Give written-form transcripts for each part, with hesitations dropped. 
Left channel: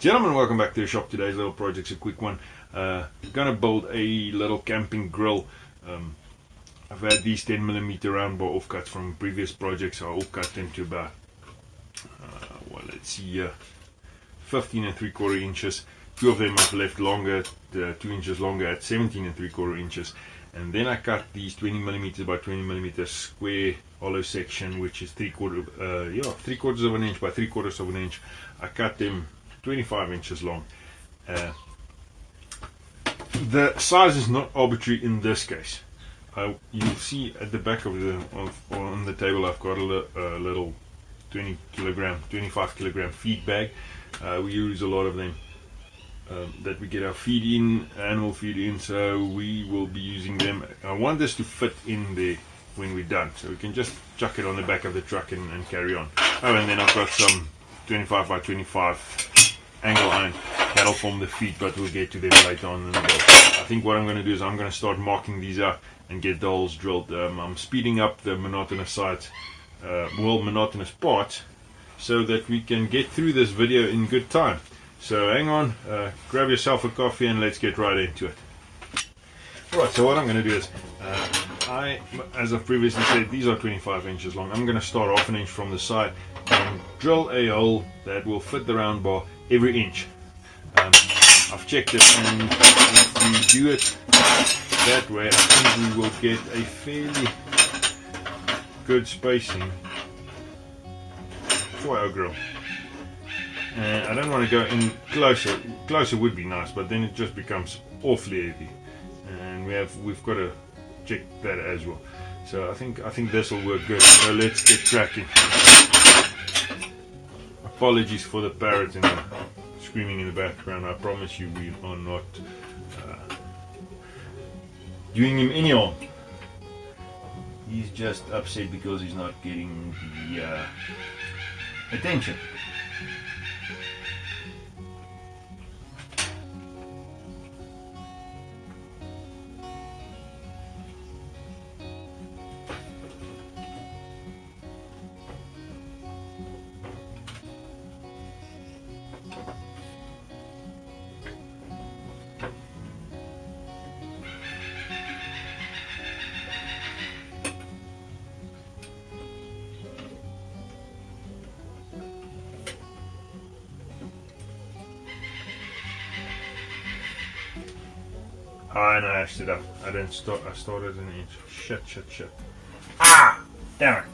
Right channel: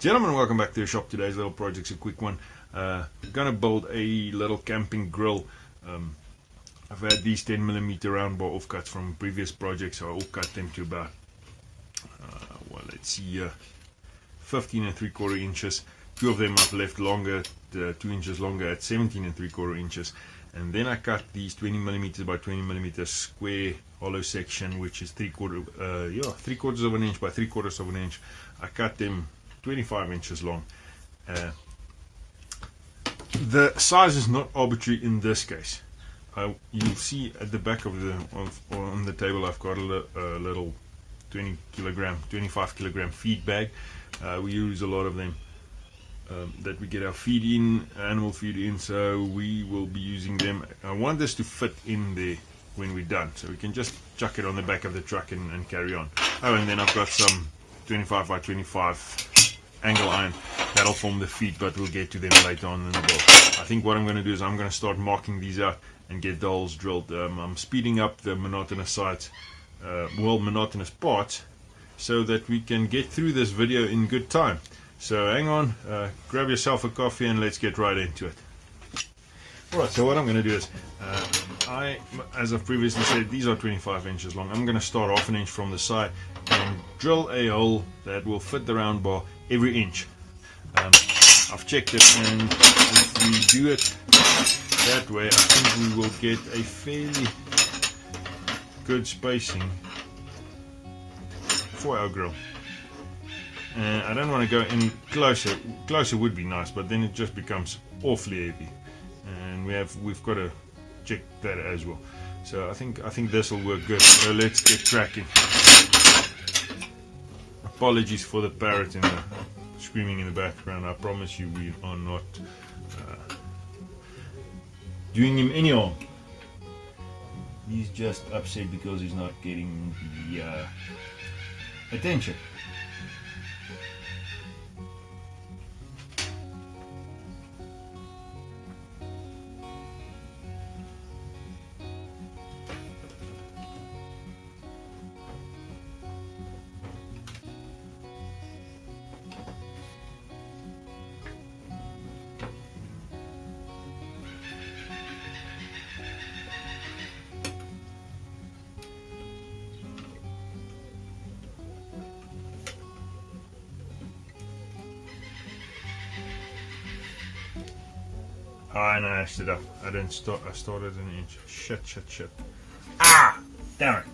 Gentlemen, welcome back to the shop. Today's little project's a quick one. Gonna build a little camping grill. I've had these 10mm round bar offcuts from previous projects. I offcut them to about, let's see, 15 3/4 inches. Two of them I've left longer, 2 inches longer at 17 3/4 inches. And then I cut these 20mm by 20mm square hollow section, which is 3/4 of an inch by 3/4 of an inch. I cut them 25 inches long. The size is not arbitrary in this case. You'll see at the back of on the table I've got a little 25 kilogram feed bag. We use a lot of them that we get our feed in, animal feed in, so we will be using them. I want this to fit in there when we're done, so we can just chuck it on the back of the truck and carry on. Oh, and then I've got some 25 by 25 angle iron that'll form the feet, but we'll get to them later on in the build. I think what I'm going to do is I'm going to start marking these out and get the holes drilled. I'm speeding up the monotonous sides, monotonous parts, so that we can get through this video in good time. So hang on, grab yourself a coffee and let's get right into it. Alright, so what I'm going to do is, as I've previously said, these are 25 inches long. I'm going to start off an inch from the side and drill a hole that will fit the round bar every inch. I've checked it, and if we do it that way, I think we will get a fairly good spacing for our grill. And I don't want to go in closer. Closer would be nice, but then it just becomes awfully heavy, and we've got to check that as well. So I think this will work good. So let's get cracking. Apologies for the parrot and the screaming in the background. I promise you we are not doing him any harm. He's just upset because he's not getting the attention. I ashed it up. I didn't start. I started an inch. Shit. Ah! Damn it.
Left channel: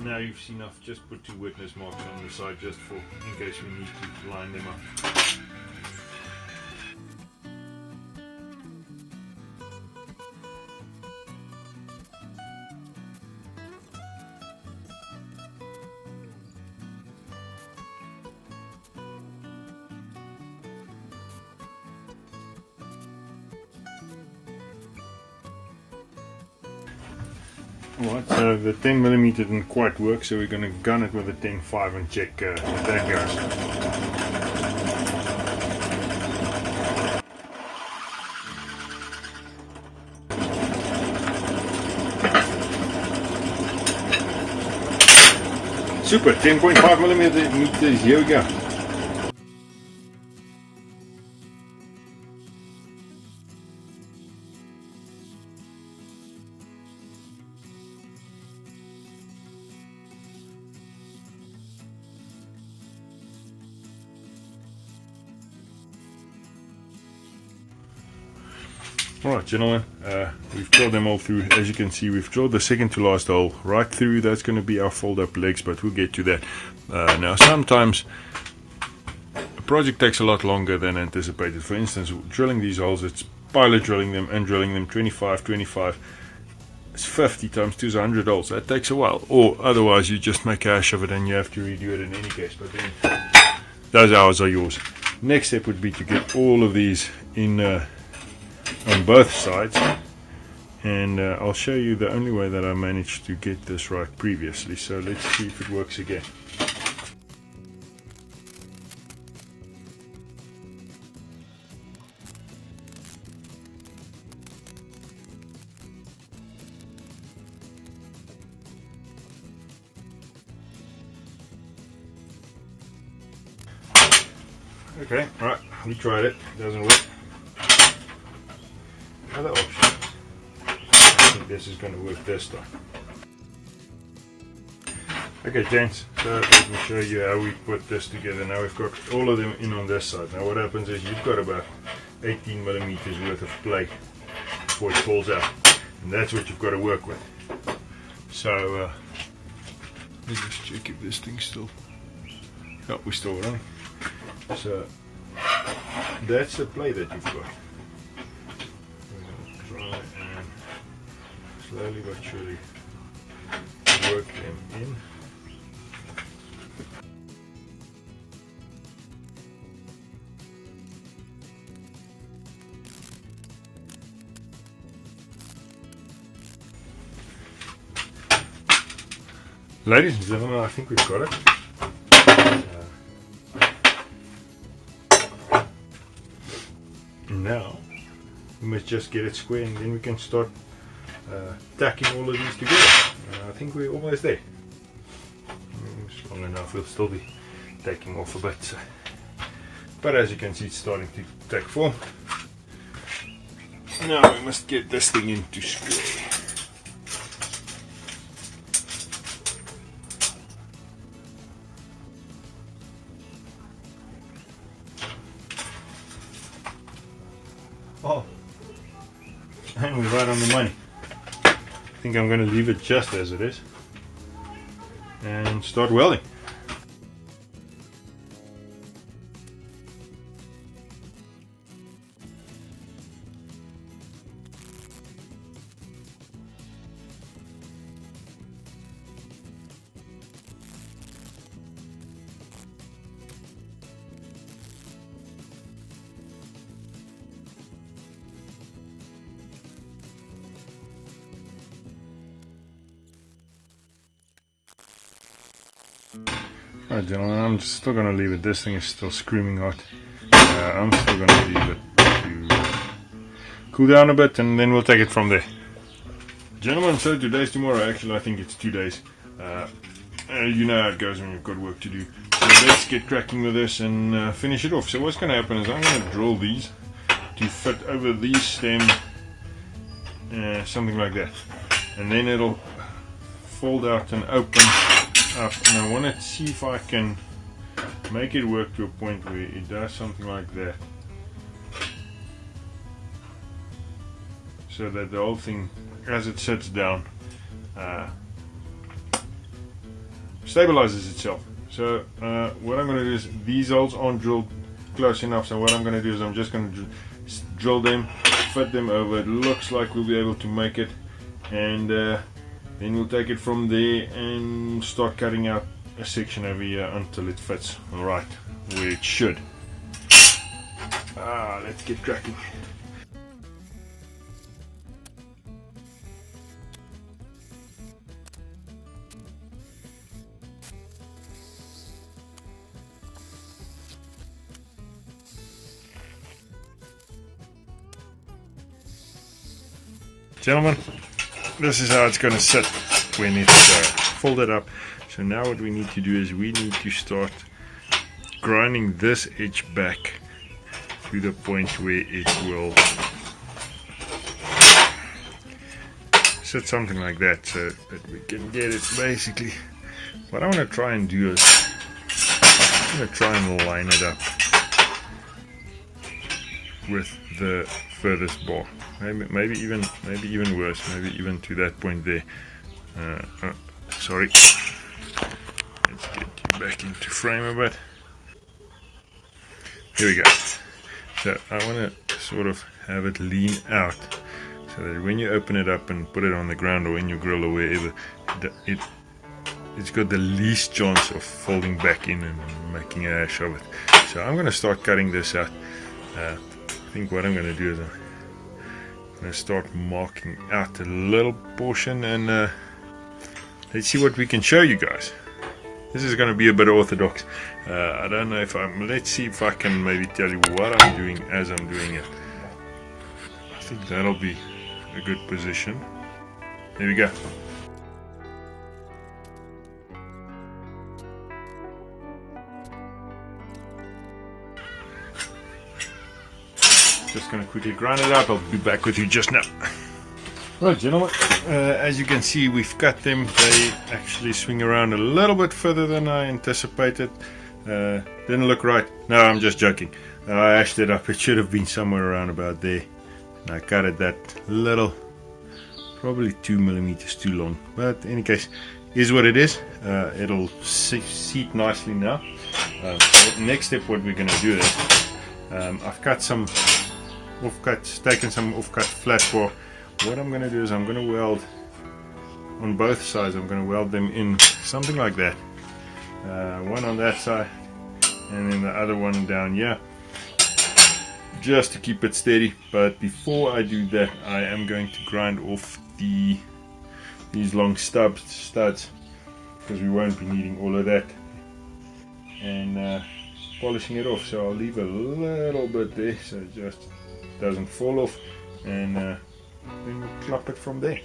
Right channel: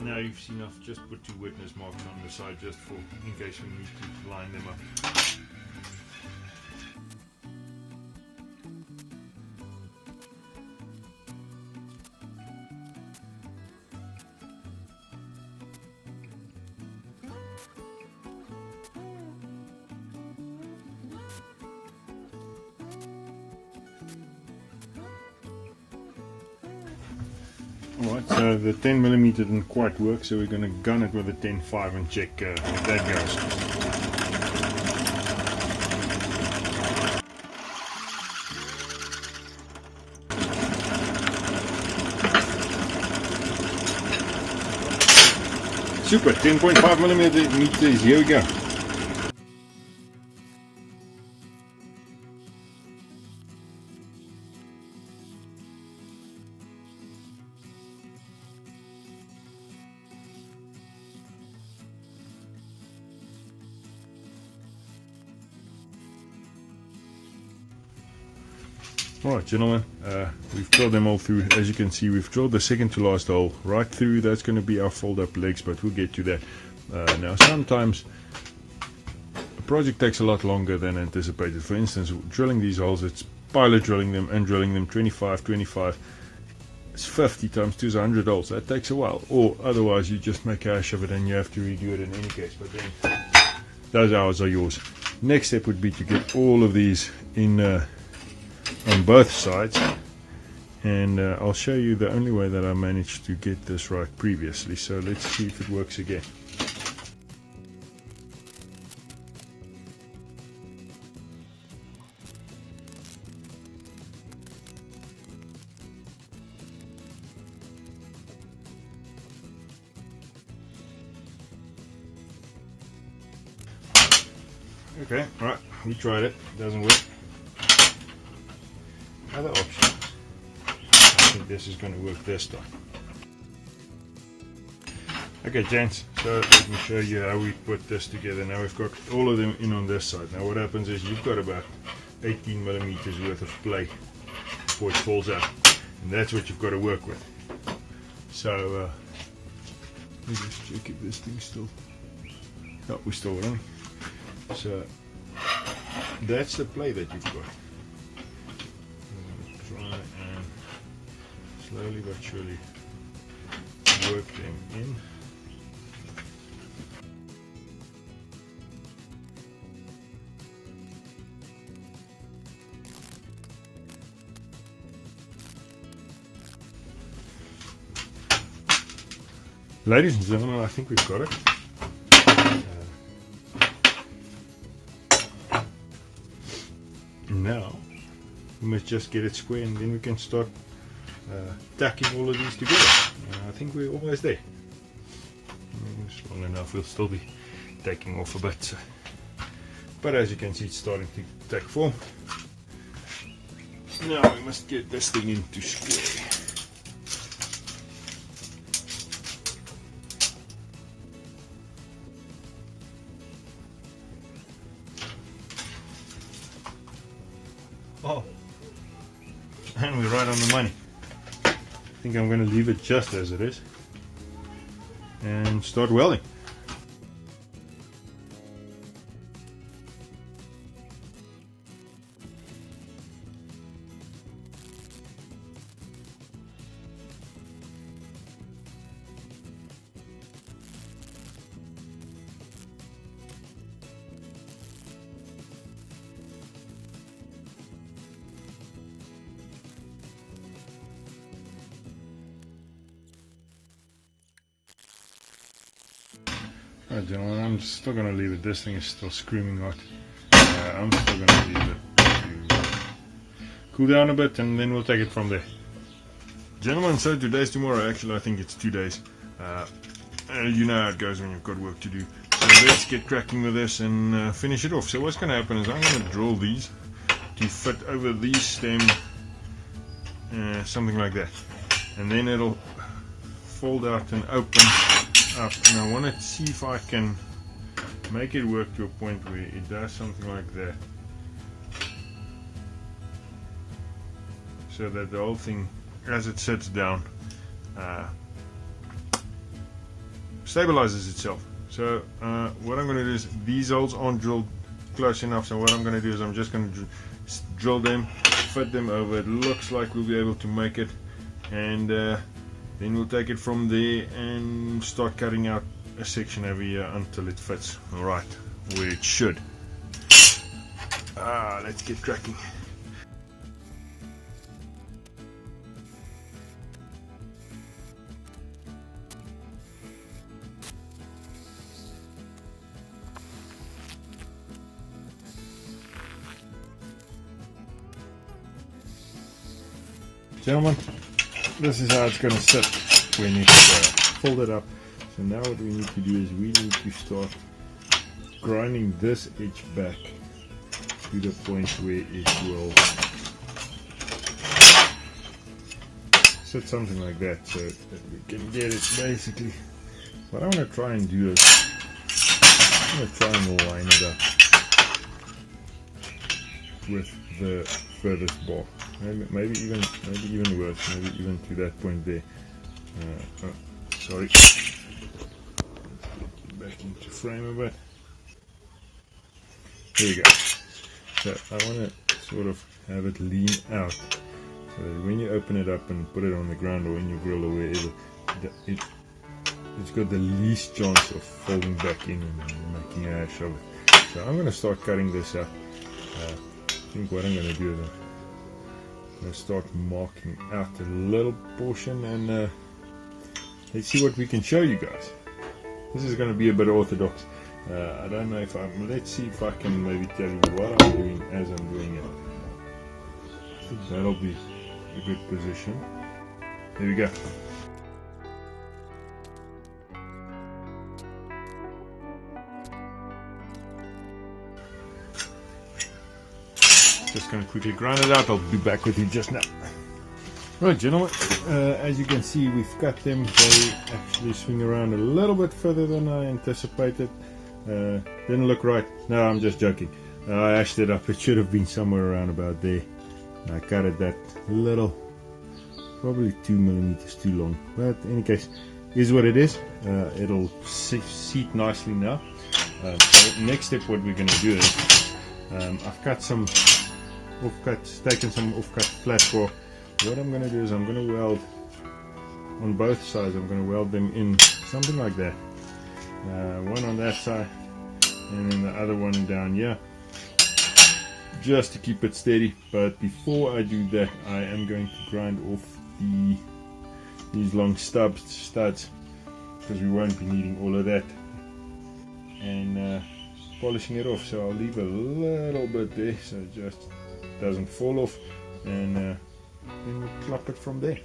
Now you've seen I've just put 2 witness marks on the side just in case we need to line them up. Alright, so the 10mm didn't quite work, so we're going to gun it with a 10.5 and check if that goes. Super, 10.5mm, here we go. Alright gentlemen, we've drilled them all through. As you can see, we've drilled the second to last hole right through. That's going to be our fold up legs, but we'll get to that. Now sometimes a project takes a lot longer than anticipated. For instance, drilling these holes, it's pilot drilling them and drilling them 25. It's 50 times 2 is 100 holes. That takes a while. Or otherwise you just make a hash of it and you have to redo it in any case. But then those hours are yours. Next step would be to get all of these in on both sides. And I'll show you the only way that I managed to get this right previously. So let's see if it works again. Okay, right, we tried it, doesn't work. Another option. I think this is going to work this time. Okay, gents, so let me show you how we put this together. Now we've got all of them in on this side. Now what happens is you've got about 18 millimeters worth of play before it falls out. And that's what you've got to work with. So, let me just check if this thing's still... Oh, we're still running. So that's the play that you've got. We're going to try and slowly but surely work them in. Ladies and gentlemen, I think we've got it. Now we must just get it square and then we can start tacking all of these together. I think we're almost there. It's long enough, we'll still be taking off a bit. So. But as you can see, it's starting to take form. Now we must get this thing into square. Oh, and we're right on the money. I think I'm going to leave it just as it is and start welding. Alright gentlemen, I'm still going to leave it. This thing is still screaming hot. I'm still going to leave it to cool down a bit and then we'll take it from there. Gentlemen, so today's tomorrow. Actually, I think it's 2 days. You know how it goes when you've got work to do. So let's get cracking with this and finish it off. So what's going to happen is I'm going to drill these to fit over these stems, something like that. And then it'll fold out and open up, and I want to see if I can make it work to a point where it does something like that, so that the whole thing, as it sits down, stabilizes itself. So what I'm going to do is, these holes aren't drilled close enough, so what I'm going to do is I'm just going to drill them, fit them over. It looks like we'll be able to make it, and then we'll take it from there and start cutting out a section over here until it fits right where it should. Let's get cracking. Gentlemen, this is how it's going to sit when it's folded up. So now what we need to do is we need to start grinding this edge back to the point where it will sit something like that, so that we can get it basically. What I want to try and do is I'm going to try and line it up with the furthest bar. Maybe even worse, maybe even to that point there. Sorry. Let's get you back into frame a bit. Here we go. So I want to sort of have it lean out so that when you open it up and put it on the ground or in your grill or wherever, it's got the least chance of folding back in and making a hash of it. So I'm going to start cutting this out. I think what I'm going to do is I'm going to start marking out a little portion, and let's see what we can show you guys. This is going to be a bit orthodox. I don't know if let's see if I can maybe tell you what I'm doing as I'm doing it. I think that'll be a good position. There we go. Just going to quickly grind it out. I'll be back with you just now. Right, gentlemen, as you can see, we've cut them. They actually swing around a little bit further than I anticipated. Didn't look right. No, I'm just joking. I ashed it up. It should have been somewhere around about there. I cut it that little, probably 2 millimeters too long. But in any case, is what it is. It'll seat nicely now. Next step, what we're going to do is, I've cut some offcuts, taken some offcut flat bar. What I'm going to do is I'm going to weld on both sides. I'm going to weld them in something like that. One on that side and then the other one down here, just to keep it steady. But before I do that, I am going to grind off these long studs, because we won't be needing all of that, and polishing it off. So I'll leave a little bit there so it just doesn't fall off, and then we'll plop it from there.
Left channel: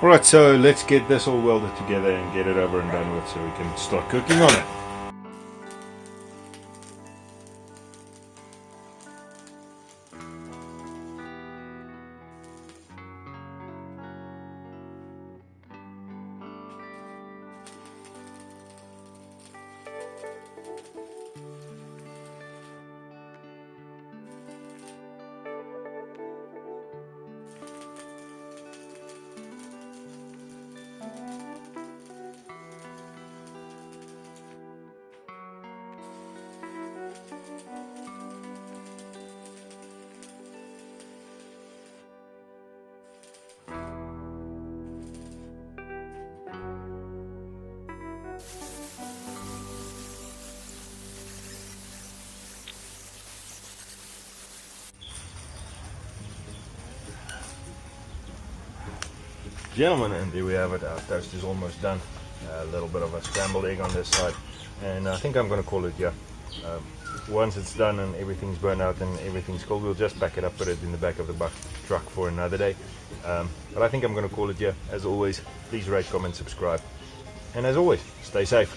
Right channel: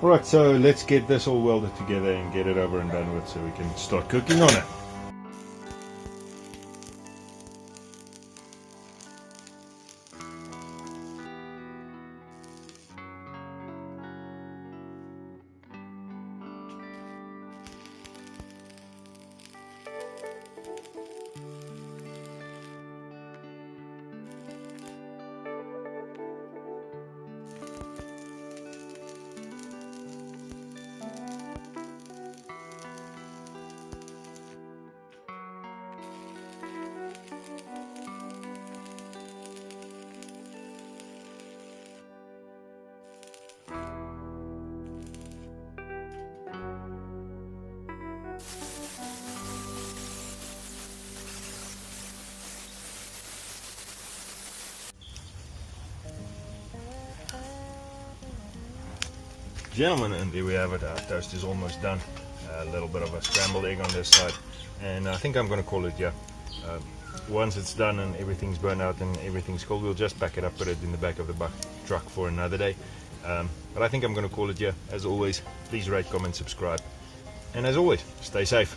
Alright, so let's get this all welded together and get it over and done with so we can start cooking on it. Gentlemen, and there we have it. Our toast is almost done. A little bit of a scrambled egg on this side, and I think I'm going to call it here. Once it's done and everything's burnt out and everyth's cold, we'll just pack it up, put it in the back of the truck for another day. But I think I'm going to call it here. As always, please rate, comment, subscribe, and as always, stay safe.